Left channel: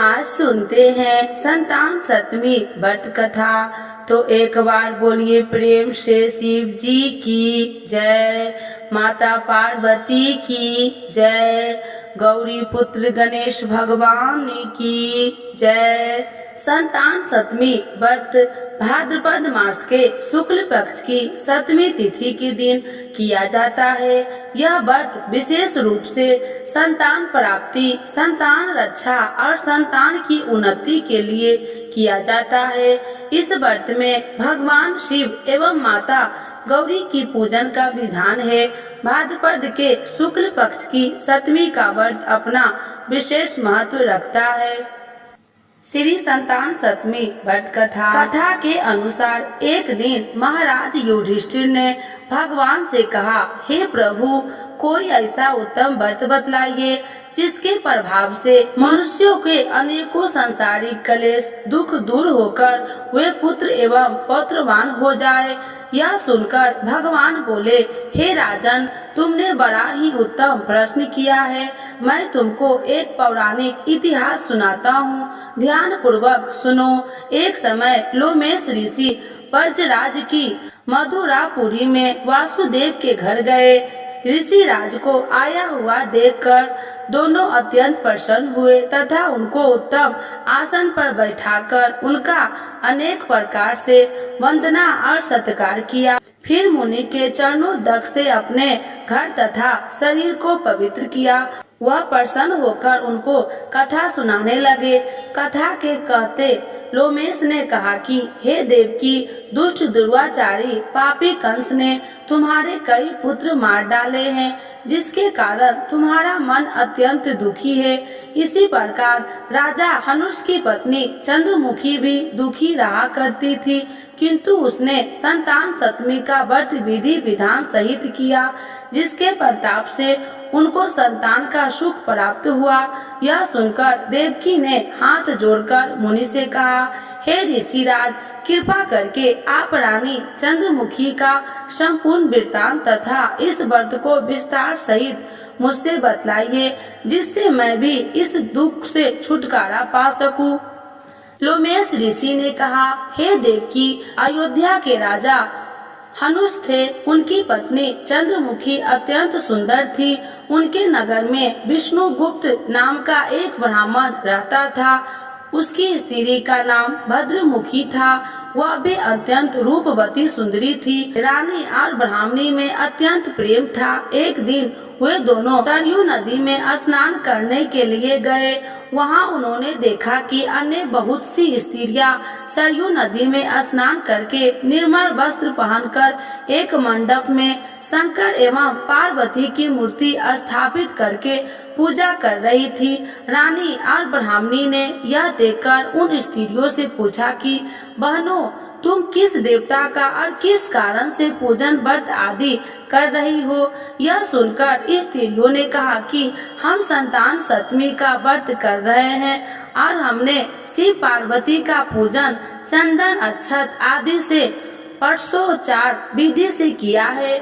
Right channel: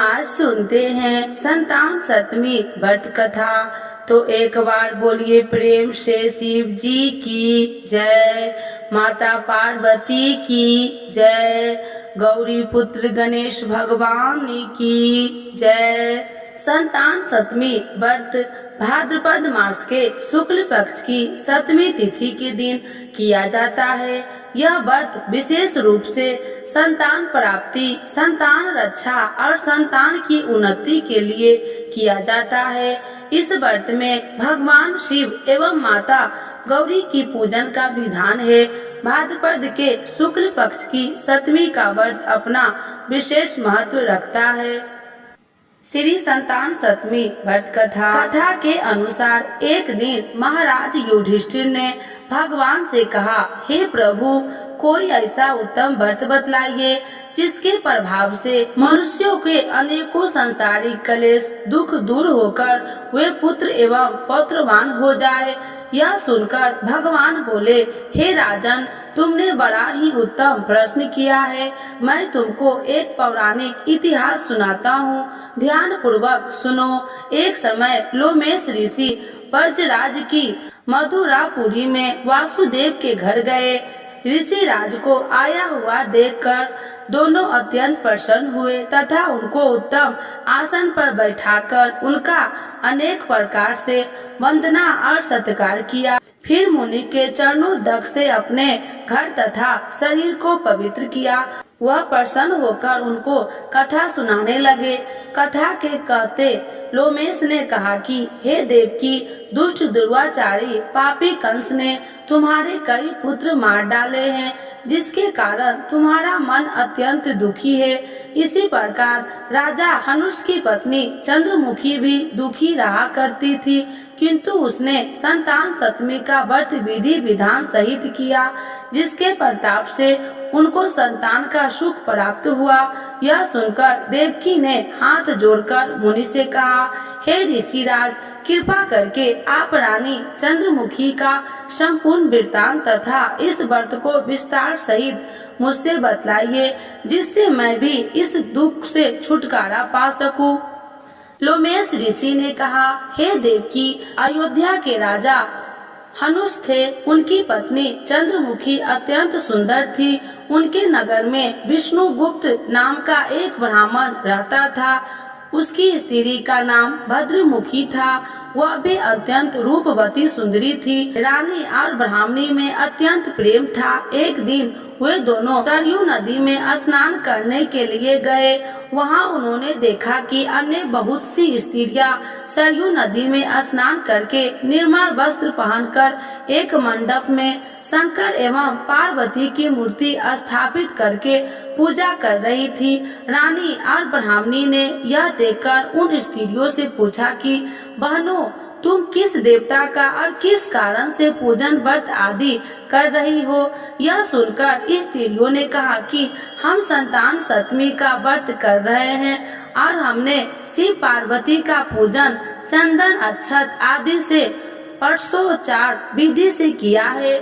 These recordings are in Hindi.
आज सुनते हैं संतान सतमी व्रत कथा। तो एक बार बोलिए प्रेम से शिव जी की जय, माता पार्वती की जय, गौरी पुत्र गणेश भगवान की जय। संतान सतमी व्रत भाद्रपद मास के शुक्ल पक्ष की सतमी तिथि के दिन किया जाता है। यह व्रत विशेष रूप से संतान प्राप्ति, संतान रक्षा और संतान की उन्नति के लिए किया जाता है। इस व्रत में भगवान शिव एवं माता गौरी की पूजन का विधान है। भाद्रपद के शुक्ल पक्ष की सतमी का व्रत अपना विशेष महत्व रखता है। श्री संतान सतमी व्रत कथा के अनुसार एक दिन महाराज युधिष्ठिर ने भगवान से कहा, हे प्रभु, कोई ऐसा उत्तम व्रत बतलाइए जिसके प्रभाव से मनुष्यों के अनेकों सांसारिक क्लेश दुख दूर होकर वे पुत्र एवं पौत्रवान हो जाए। यह सुनकर भगवान बोले, हे राजन, तुमने बड़ा ही उत्तम प्रश्न किया है। मैं तुमको एक पौराणिक इतिहास सुनाता हूँ, ध्यान पूर्वक सुनो। एक समय लोमेश ऋषि ब्रजराज की मथुरापुरी में वासुदेव के घर गए। ऋषि राज को आया हुआ देखकर दोनों अत्यंत प्रसन्न हुए तथा उनको उत्तम आसन पर बैठाकर उनका अनेक प्रकार से वंदना और सत्कार किया। फिर मुनि के चरणोदक से अपने घर तथा शरीर को पवित्र किया। वह प्रसन्न होकर उनको कथा सुनाने लगे। कथा के कहते लोमेश ने कहा कि हे देवकी, दुष्ट दुर्वाचारी पापी कंस ने तुम्हारे कई पुत्र मार डाले हैं, जिसके कारण तुम्हारा मन अत्यंत दुखी है। इसी प्रकार राजा हनुष की पत्नी चंद्रमुखी भी दुखी रहा करती थी, किंतु उसने संतान सतमी का व्रत विधि विधान सहित किया, जिसके प्रताप से उनको संतान का सुख प्राप्त हुआ। यह सुनकर देवकी ने हाथ जोड़कर मुनि से कहा, हे ऋषिराज, कृपा करके आप रानी चंद्रमुखी का संपूर्ण वृत्तांत तथा इस व्रत को विस्तार सहित मुझसे बतलाइए, जिससे मैं भी इस दुख से छुटकारा पा सकूं। लोमेश ऋषि ने कहा, हे देवकी, अयोध्या के राजा हनुष थे। उनकी पत्नी चंद्रमुखी अत्यंत सुंदर थी। उनके नगर में विष्णुगुप्त नाम का एक ब्राह्मण रहता था। उसकी स्त्री का नाम भद्रमुखी था। वह भी अत्यंत रूपवती सुंदरी थी। रानी और ब्राह्मणी में अत्यंत प्रेम था। एक दिन वे दोनों सरयू नदी में स्नान करने के लिए गए। वहां उन्होंने देखा कि अन्य बहुत सी स्त्रियां सरयू नदी में स्नान करके निर्मल वस्त्र पहनकर एक मंडप में शंकर एवं पार्वती की मूर्ति स्थापित करके पूजा कर रही थी। रानी और ब्राह्मणी ने यह देखकर उन स्त्रियों से पूछा कि बहनों, तुम किस देवता का और किस कारण से पूजन व्रत आदि कर रही हो? यह सुनकर स्त्रियों ने कहा कि हम संतान सतमी का व्रत कर रहे हैं और हमने शिव पार्वती का पूजन चंदन अक्षत आदि से षोडशोपचार विधि से किया है।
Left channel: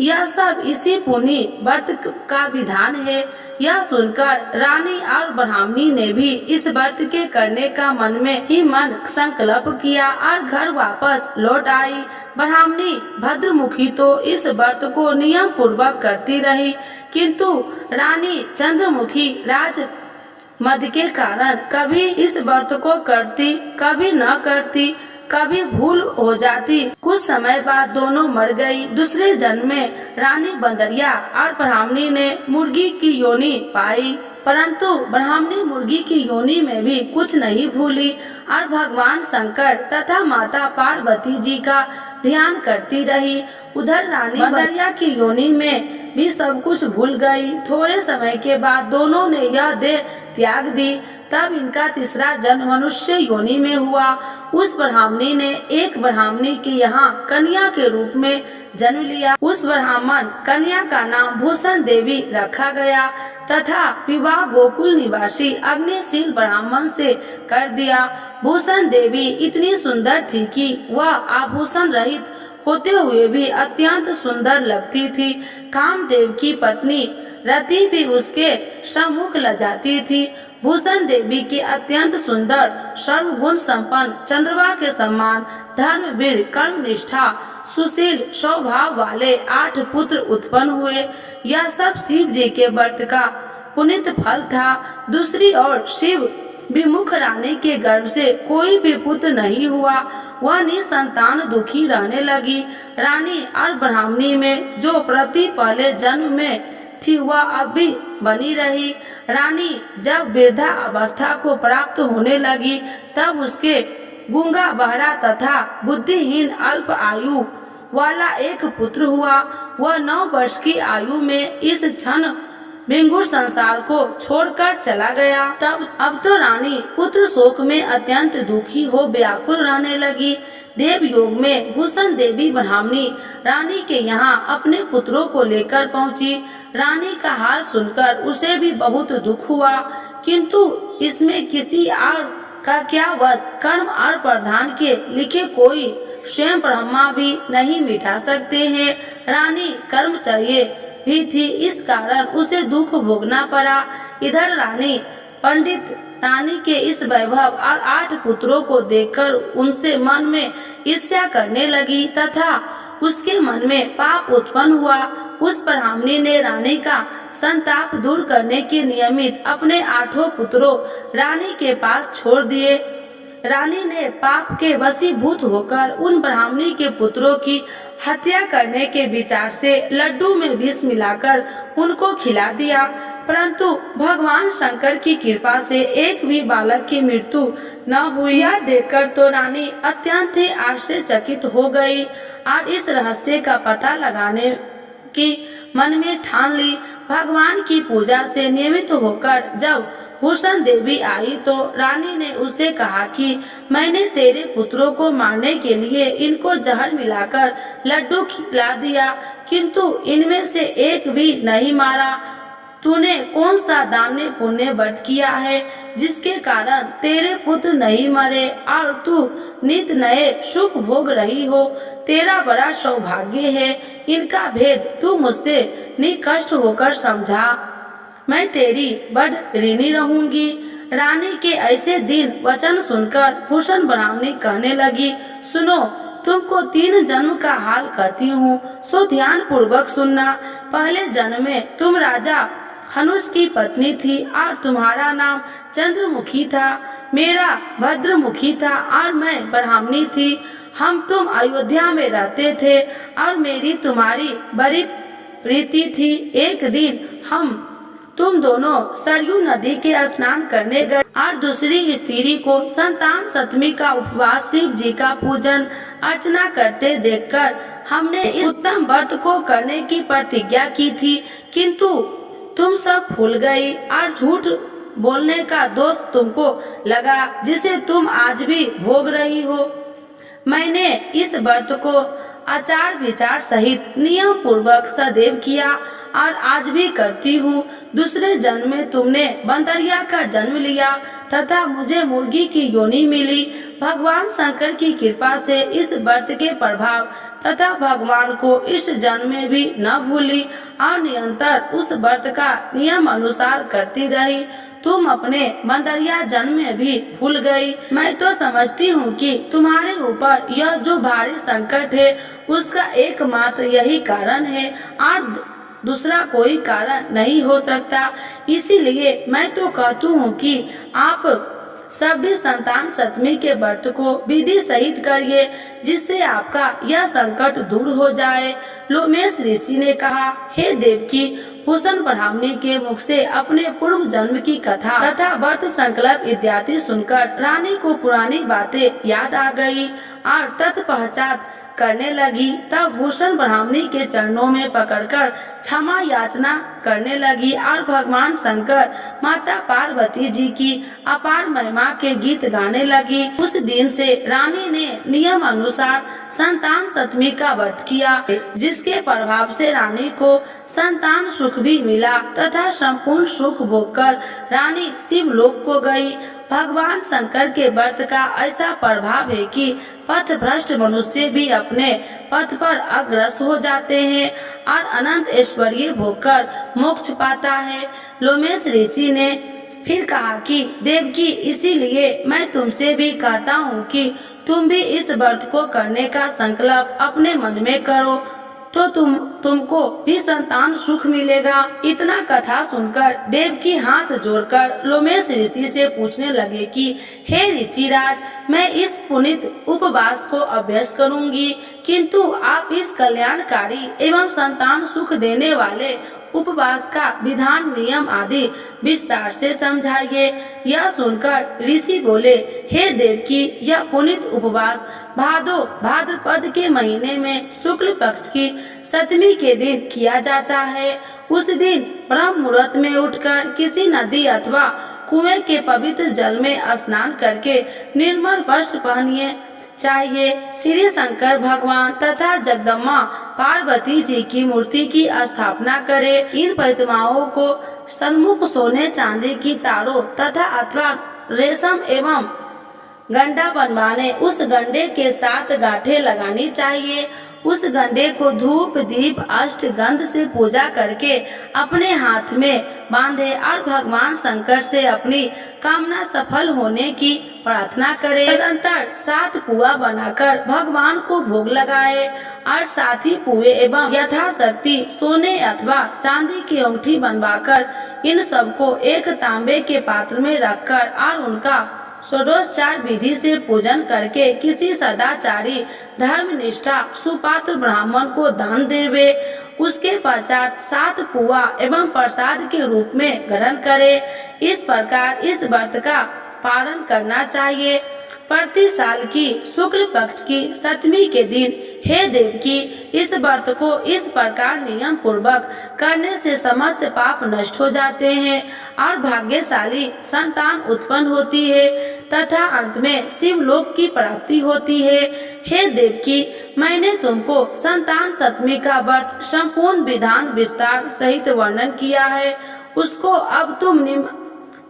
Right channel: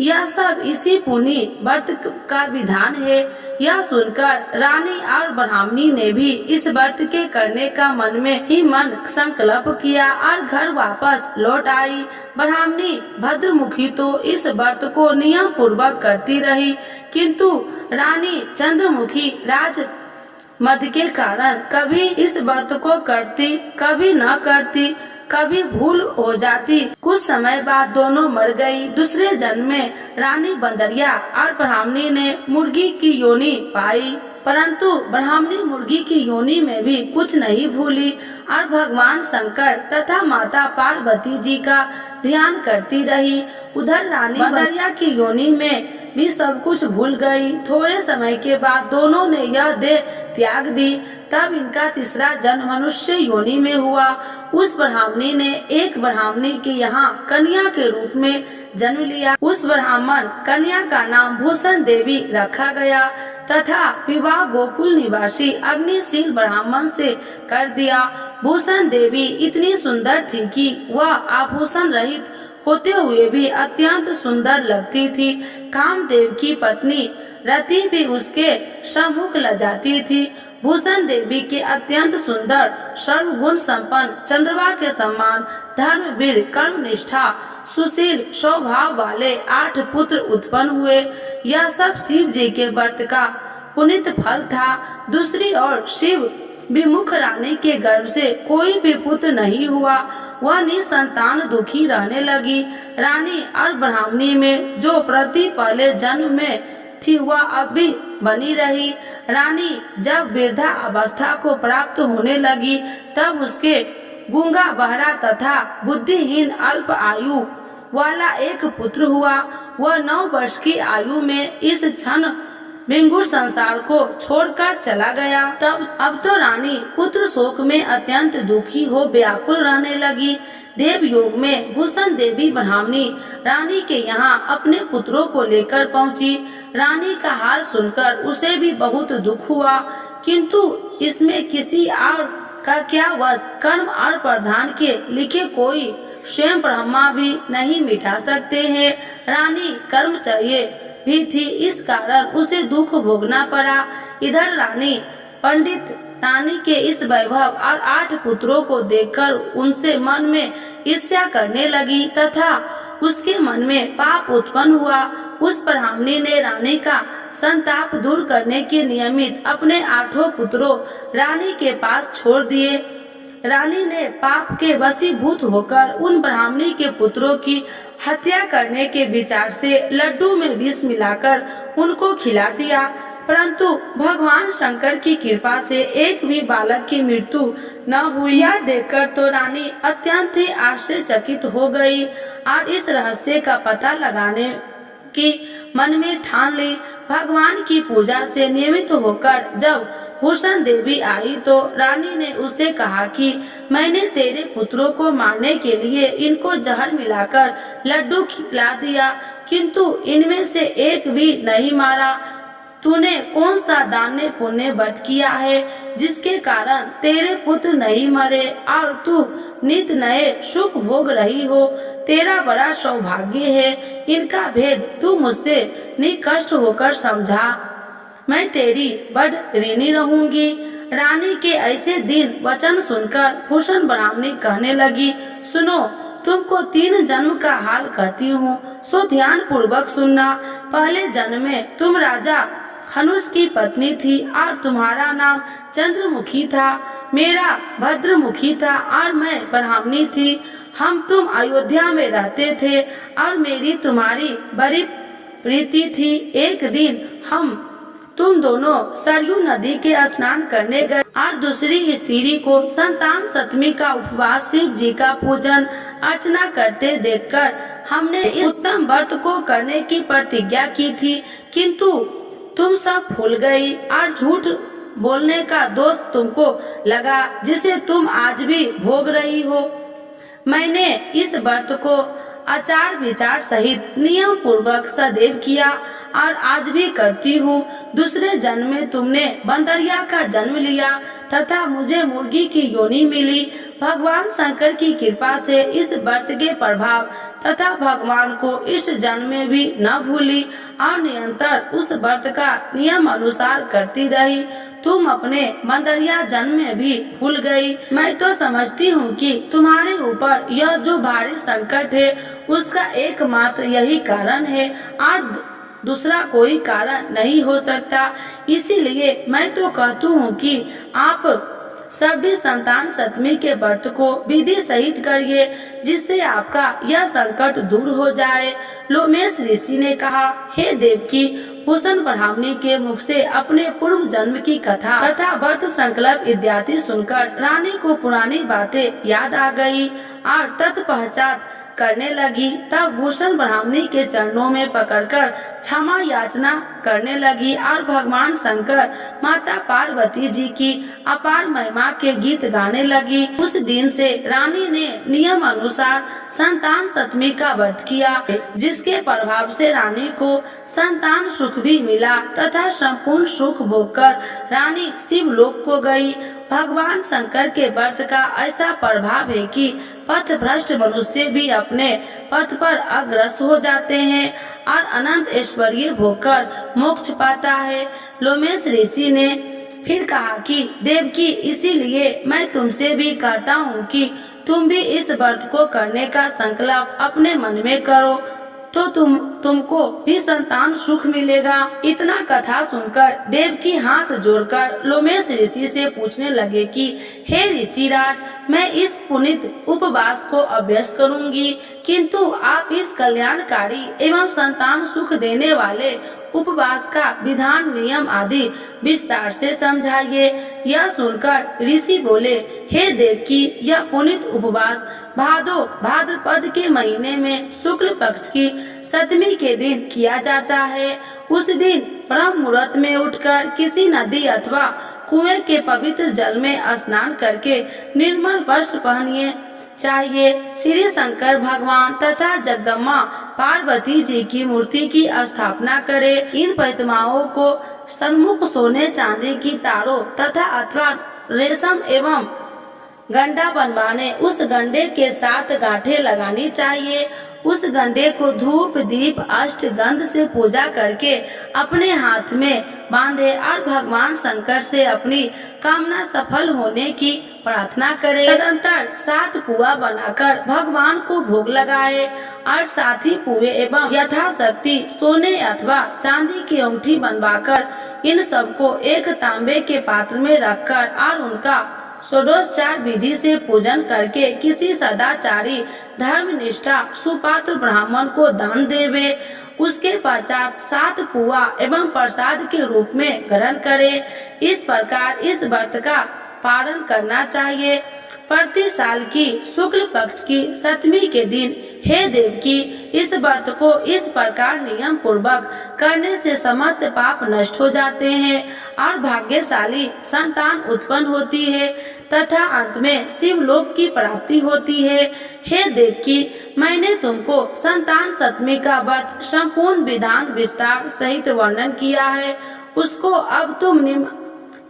यह सब इसी पुण्य व्रत का विधान है। यह सुनकर रानी और ब्राह्मणी ने भी इस व्रत के करने का मन में ही मन संकल्प किया और घर वापस लौट आई। ब्राह्मणी भद्रमुखी तो इस व्रत को नियम पूर्वक करती रही, किंतु रानी चंद्रमुखी राज मद के कारण कभी इस व्रत को करती, कभी न करती, कभी भूल हो जाती। कुछ समय बाद दोनों मर गई। दूसरे जन्म में रानी बंदरिया और ब्राह्मणी ने मुर्गी की योनि पाई, परंतु ब्राह्मणी मुर्गी की योनि में भी कुछ नहीं भूली और भगवान शंकर तथा माता पार्वती जी का ध्यान करती रही। उधर रानी बंदरिया की योनि में भी सब कुछ भूल गई। थोड़े समय के बाद दोनों ने यह देह त्याग दी। तब इनका तीसरा जन्म मनुष्य योनि में हुआ। उस ब्राह्मणी ने एक ब्राह्मणी के यहाँ कन्या के रूप में जन्म लिया। उस ब्राह्मण कन्या का नाम भूषण देवी रखा गया तथा विवाह गोकुल निवासी अग्निशील ब्राह्मण से कर दिया। भूषण देवी इतनी सुंदर थी कि वह आभूषण रहित होते हुए भी अत्यंत सुंदर लगती थी। कामदेव की पत्नी रति भी उसके सम्मुख लजाती थी। भूषण देवी के अत्यंत सुंदर सर्वगुण संपन्न चंद्रमा के समान धर्मवीर कर्मनिष्ठा सुशील स्वभाव वाले 8 पुत्र उत्पन्न हुए। यह सब शिव जी के व्रत का पुनीत फल था। दूसरी ओर शिव विमुख रानी के गर्भ से कोई भी पुत्र नहीं हुआ। वह निसंतान दुखी रहने लगी। रानी और ब्राह्मणी में जो प्रति पहले जन्म में थी वह अब भी बनी रही। रानी जब वृद्धा अवस्था को प्राप्त होने लगी तब उसके गूंगा बहरा तथा बुद्धिहीन अल्प आयु वाला एक पुत्र हुआ। वह 9 वर्ष की आयु में इस क्षण विंगुर संसार को छोड़कर चला गया। तब अब तो रानी पुत्र शोक में अत्यंत दुखी हो व्याकुल रहने लगी। देव योग में भूषण देवी ब्राह्मणी रानी के यहाँ अपने पुत्रों को लेकर पहुँची। रानी का हाल सुनकर उसे भी बहुत दुख हुआ, किंतु इसमें किसी और का क्या वश। कर्म और प्रधान के लिखे कोई स्वयं ब्रह्मा भी नहीं मिटा सकते हैं। रानी कर्मचर्या भी थी, इस कारण उसे दुख भोगना पड़ा। इधर रानी पंडित तानी के इस वैभव और 8 पुत्रों को देखकर उनसे मन में ईर्ष्या करने लगी तथा उसके मन में पाप उत्पन्न हुआ। उस ब्राह्मणी ने रानी का संताप दूर करने के निमित्त अपने 8 पुत्रों रानी के पास छोड़ दिए। रानी ने पाप के वशीभूत होकर उन ब्राह्मणी के पुत्रों की हत्या करने के विचार से लड्डू में विष मिलाकर उनको खिला दिया, परंतु भगवान शंकर की कृपा से एक भी बालक की मृत्यु न हुई। यह देखकर तो रानी अत्यंत ही आश्चर्यचकित हो गई और इस रहस्य का पता लगाने की मन में ठान ली। भगवान की पूजा से नियमित होकर जब भूषण देवी आई तो रानी ने उससे कहा कि मैंने तेरे पुत्रों को मारने के लिए इनको जहर मिलाकर लड्डू खिला दिया, किंतु इनमें से एक भी नहीं मारा। तूने कौन सा दान पुण्य व्रत किया है जिसके कारण तेरे पुत्र नहीं मरे और तू नित नए सुख भोग रही हो? तेरा बड़ा सौभाग्य है। इनका भेद तू मुझसे निकष्ट होकर समझा। मैं तेरी बड़ ऋणी रहूंगी। रानी के ऐसे दिन वचन सुनकर भूषण ब्राह्मणी कहने लगी, सुनो, तुमको 3 जन्म का हाल कहती हूँ, सो ध्यान पूर्वक सुनना। पहले जन्म में तुम राजा हनुष की पत्नी थी और तुम्हारा नाम चंद्रमुखी था, मेरा भद्रमुखी था और मैं ब्राह्मणी थी। हम तुम अयोध्या में रहते थे और मेरी तुम्हारी बड़ी प्रीति थी। एक दिन हम तुम दोनों सरयू नदी के स्नान करने गए और दूसरी स्त्री को संतान सप्तमी का उपवास शिव जी का पूजन अर्चना करते देखकर हमने इस उत्तम व्रत को करने की प्रतिज्ञा की थी, किंतु तुम सब भूल गई और झूठ बोलने का दोष तुमको लगा, जिसे तुम आज भी भोग रही हो। मैंने इस व्रत को आचार विचार सहित नियम पूर्वक सदैव किया और आज भी करती हूँ। दूसरे जन्म में तुमने बंदरिया का जन्म लिया तथा मुझे मुर्गी की योनि मिली। भगवान शंकर की कृपा से इस व्रत के प्रभाव तथा भगवान को इस जन्म में भी न भूली और निरंतर उस व्रत का नियम अनुसार करती रही। तुम अपने बंदरिया जन्म में भी भूल गई। मैं तो समझती हूँ कि तुम्हारे ऊपर यह जो भारी संकट है उसका एकमात्र यही कारण है और दूसरा कोई कारण नहीं हो सकता। इसीलिए मैं तो कहती हूँ कि आप सभी संतान सप्तमी के व्रत को विधि सहित करिए, जिससे आपका यह संकट दूर हो जाए। लोमेश ऋषि ने कहा, हे देवकी, भूषण ब्राह्मणी के मुख से अपने पूर्व जन्म की कथा तथा व्रत संकल्प इत्यादि सुनकर रानी को पुरानी बातें याद आ गई और तत्पश्चात करने लगी। तब भूषण ब्राह्मणी के चरणों में पकड़कर क्षमा याचना करने लगी और भगवान शंकर माता पार्वती जी की अपार महिमा के गीत गाने लगी। उस दिन से रानी ने नियम अनुसार संतान सप्तमी का व्रत किया, जिसके प्रभाव से रानी को संतान सुख भी मिला तथा संपूर्ण सुख भोगकर रानी शिवलोक को गई। भगवान शंकर के व्रत का ऐसा प्रभाव है कि पथ भ्रष्ट मनुष्य भी अपने पथ पर अग्रसर हो जाते हैं और अनंत ऐश्वर्य भोगकर मोक्ष पाता है। लोमेश ऋषि ने फिर कहा कि देवकी, इसीलिए मैं तुमसे भी कहता हूँ कि तुम भी इस व्रत को करने का संकल्प अपने मन में करो, तो तुमको भी संतान सुख मिलेगा। इतना कथा सुनकर देवकी हाथ जोड़कर लोमेश ऋषि से पूछने लगे कि हे ऋषिराज, मैं इस पुनीत उपवास को अभ्यास करूंगी, किंतु आप इस कल्याणकारी एवं संतान सुख देने वाले उपवास का विधान, नियम आदि विस्तार से समझाइए। यह सुनकर ऋषि बोले, हे देवकी, यह पुनीत उपवास भाद्रपद के महीने में शुक्ल पक्ष की 7वीं के दिन किया जाता है। उस दिन ब्रह्म मुहूर्त में उठकर किसी नदी अथवा कुएं के पवित्र जल में स्नान करके निर्मल वस्त्र पहनिए चाहिए। श्री शंकर भगवान तथा जगदम्बा पार्वती जी की मूर्ति की स्थापना करें। इन प्रतिमाओं को सन्मुख सोने चांदी की तारों तथा अथवा रेशम एवं गंडा बनवाने उस गंडे के 7 गांठें लगानी चाहिए। उस गंडे को धूप दीप अष्टगंध से पूजा करके अपने हाथ में बांधे और भगवान शंकर से अपनी कामना सफल होने की प्रार्थना करे। तदंतर 7 पुआ बनाकर भगवान को भोग लगाए और 7 ही पुए एवं यथाशक्ति सोने अथवा चांदी की अंगूठी बनवाकर इन सबको एक तांबे के पात्र में रखकर और उनका षोडशोपचार विधि से पूजन करके किसी सदाचारी धर्मनिष्ठा सुपात्र ब्राह्मण को दान देवे। उसके पश्चात 7 पुआ एवं प्रसाद के रूप में ग्रहण करे। इस प्रकार इस व्रत का पालन करना चाहिए। प्रति साल की शुक्ल पक्ष की 7वीं के दिन हे देवकी, इस व्रत को इस प्रकार नियम पूर्वक करने से समस्त पाप नष्ट हो जाते हैं और भाग्यशाली संतान उत्पन्न होती है तथा अंत में शिवलोक की प्राप्ति होती है। हे देवकी, मैंने तुमको संतान सप्तमी का व्रत संपूर्ण विधान विस्तार सहित वर्णन किया है, उसको अब तुम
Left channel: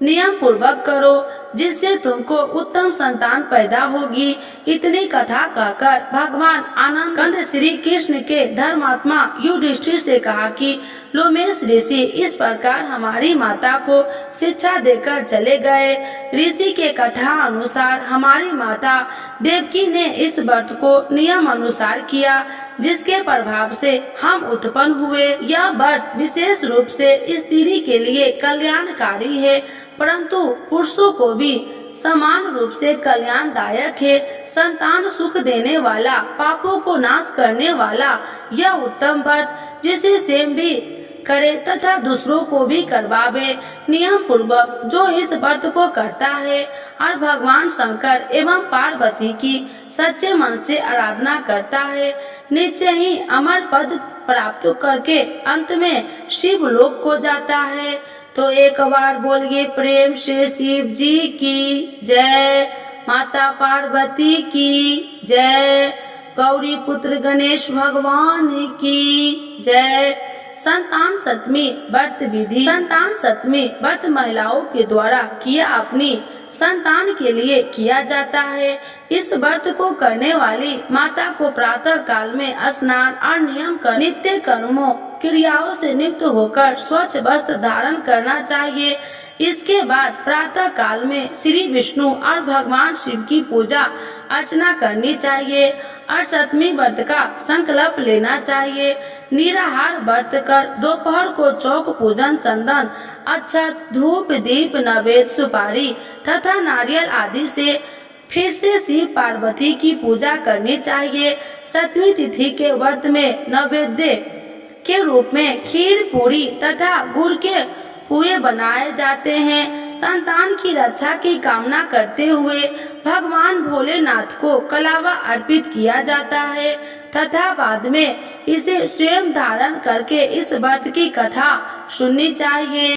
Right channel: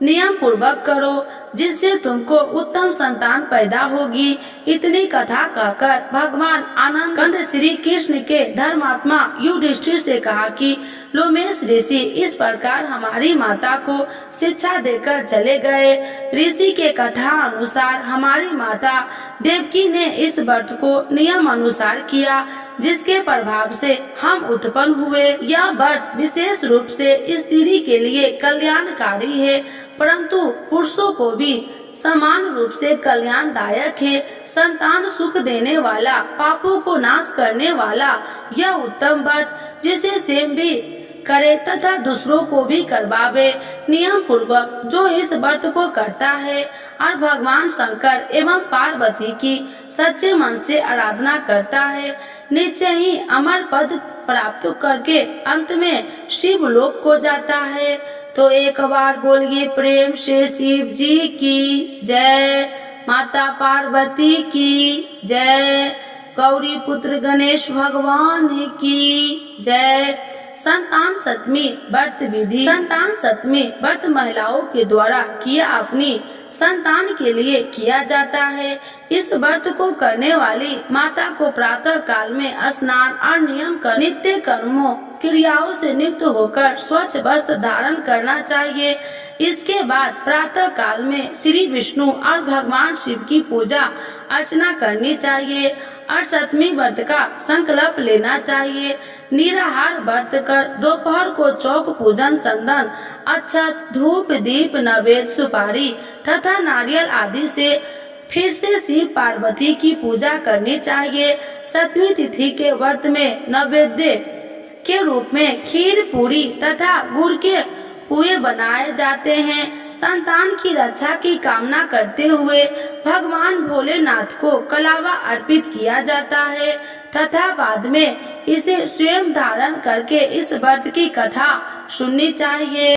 नियम पूर्वक करो, जिससे तुमको उत्तम संतान पैदा होगी। इतनी कथा कहकर भगवान आनंद कंद श्री कृष्ण के धर्मात्मा युधिष्ठिर से कहा कि लोमेश ऋषि इस प्रकार हमारी माता को शिक्षा देकर चले गए। ऋषि के कथा अनुसार हमारी माता देवकी ने इस व्रत को नियम अनुसार किया, जिसके प्रभाव से हम उत्पन्न हुए। यह व्रत विशेष रूप से स्त्री के लिए कल्याणकारी है, परंतु पुरुषों को भी समान रूप से कल्याणदायक है। संतान सुख देने वाला, पापों को नाश करने वाला यह उत्तम व्रत, जिसे स्वयं भी करे तथा दूसरों को भी करवावे। नियम पूर्वक जो इस व्रत को करता है और भगवान शंकर एवं पार्वती की सच्चे मन से आराधना करता है, निश्चय ही अमर पद प्राप्त करके अंत में शिव लोक को जाता है। तो एक बार बोलिए प्रेम से शिव जी की जय, माता पार्वती की जय, गौरी पुत्र गणेश भगवान की जय। संतान सप्तमी व्रत विधि। संतान सप्तमी व्रत महिलाओं के द्वारा किया अपनी संतान के लिए किया जाता है। इस व्रत को करने वाली माता को प्रातः काल में स्नान और नियम कर नित्य कर्मों क्रियाओं से नियुक्त होकर स्वच्छ वस्त्र धारण करना चाहिए। इसके बाद प्रातः काल में श्री विष्णु और भगवान शिव की पूजा अर्चना करनी चाहिए और सप्तमी व्रत का संकल्प लेना चाहिए। निराहार व्रत कर दोपहर को चौक पूजन, चंदन, अक्षत, धूप, दीप, नैवेद्य, सुपारी तथा नारियल आदि से फिर से शिव पार्वती की पूजा करनी चाहिए। सप्तमी तिथि के व्रत में नैवेद्य के रूप में खीर, पूरी तथा गुड़ के पुए बनाए जाते हैं। संतान की रक्षा की कामना करते हुए भगवान भोलेनाथ को कलावा अर्पित किया जाता है तथा बाद में इसे स्वयं धारण करके इस व्रत की कथा सुननी चाहिए।